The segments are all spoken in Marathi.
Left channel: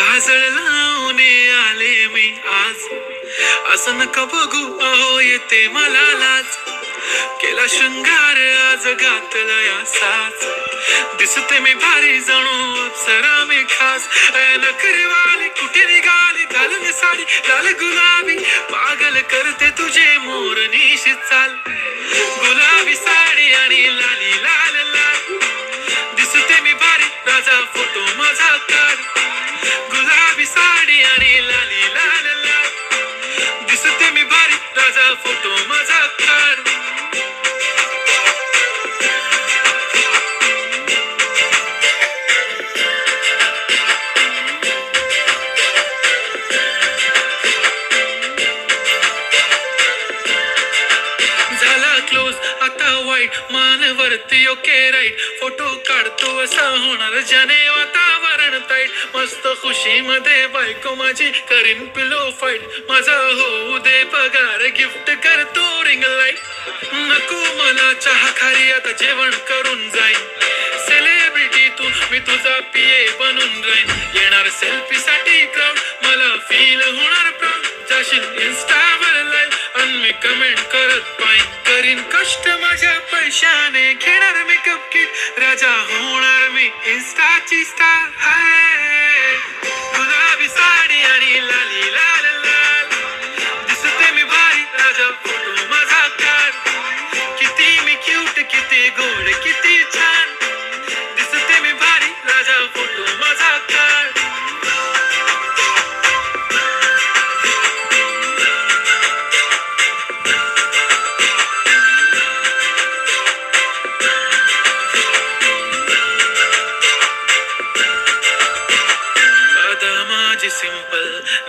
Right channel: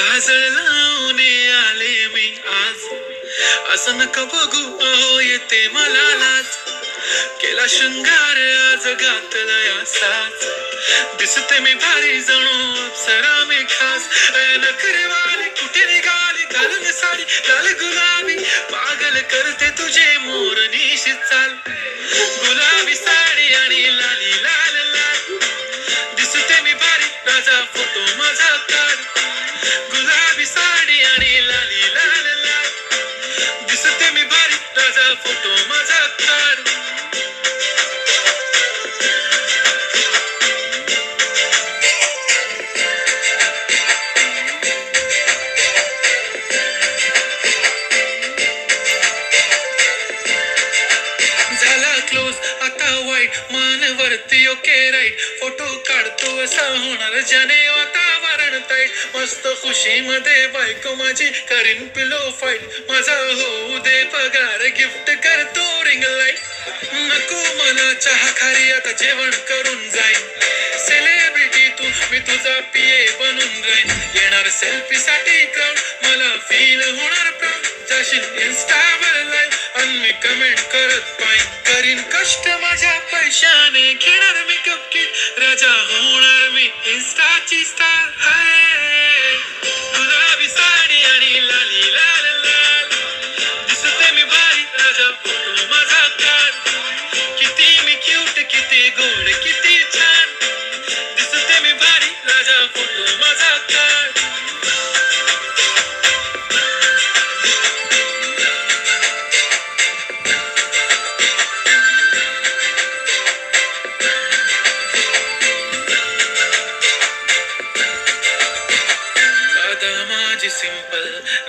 काजळ लावणे आले मी आज. असं नका बघू अहो येते मला लाज. केला शृंगार आज घातलया साज. दिसते मी भारी जणू सरा मी खास. नखरेवाली कुठे निघाली? घालून साडी लाल गुलाबी. पागल करते तुझे दिसते मी भारी. राजा फोटो माझा काढ झाला क्लोज आता वाईट मान वरती ओके राईट फोटो काढतो असा होणार. ज्याने वातावरण मस्त खुशी मध्ये बायको माझी करीन पिलो फाईट माझा होऊ दे पगार गिफ्ट करतो रिंग लाइट नको मला चहा खारी आता जेवण करून जाईन. सेलिब्रिटी तू मी तुझा पिये बनून राहीन. येणार सेल्फी साठी क्राऊड मला फील होणार प्राऊड जाशील इन्स्टावर लाईव्ह आणि मी कमेंट करत पाहिन करीन कष्ट माझ्या पैशाने घेणार मेकअप किट राजा होणार मी इन्स्टाची स्टार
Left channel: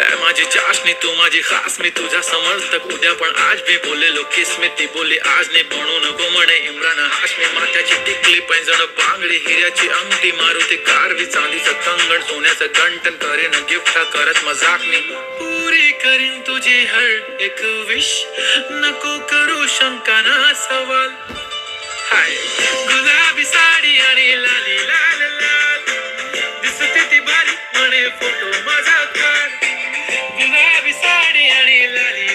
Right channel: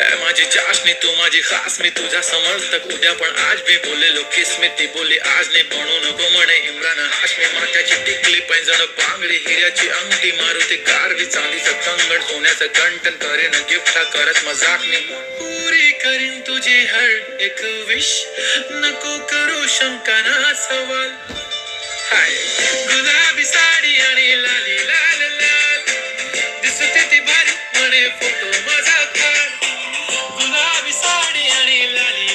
माझी चाशणी तू माझी खास मी तुझा समर्थक उद्या पण आज मी बोललेलो किस मी ती बोली आज ने म्हणू नको म्हणे इम्रान हाशमी माथ्याची टिकली पैंजण पांगडी हिऱ्याची अंगठी मारुती कारवी चांदीचं कंगण सोन्याचं कंटन करेन गिफ्ट करत मजाक मी पुरी करीन तुझी हर एक विश नको करू शंका ना सवाल. हाय गुलाबी साडी आणि लाली लाल लाल. दिसते ती बारी म्हणे फोटो माझा खान ಗುಲಾಬಿ ಸಾಡಿ ಅಡಿಯಲ್ಲಿ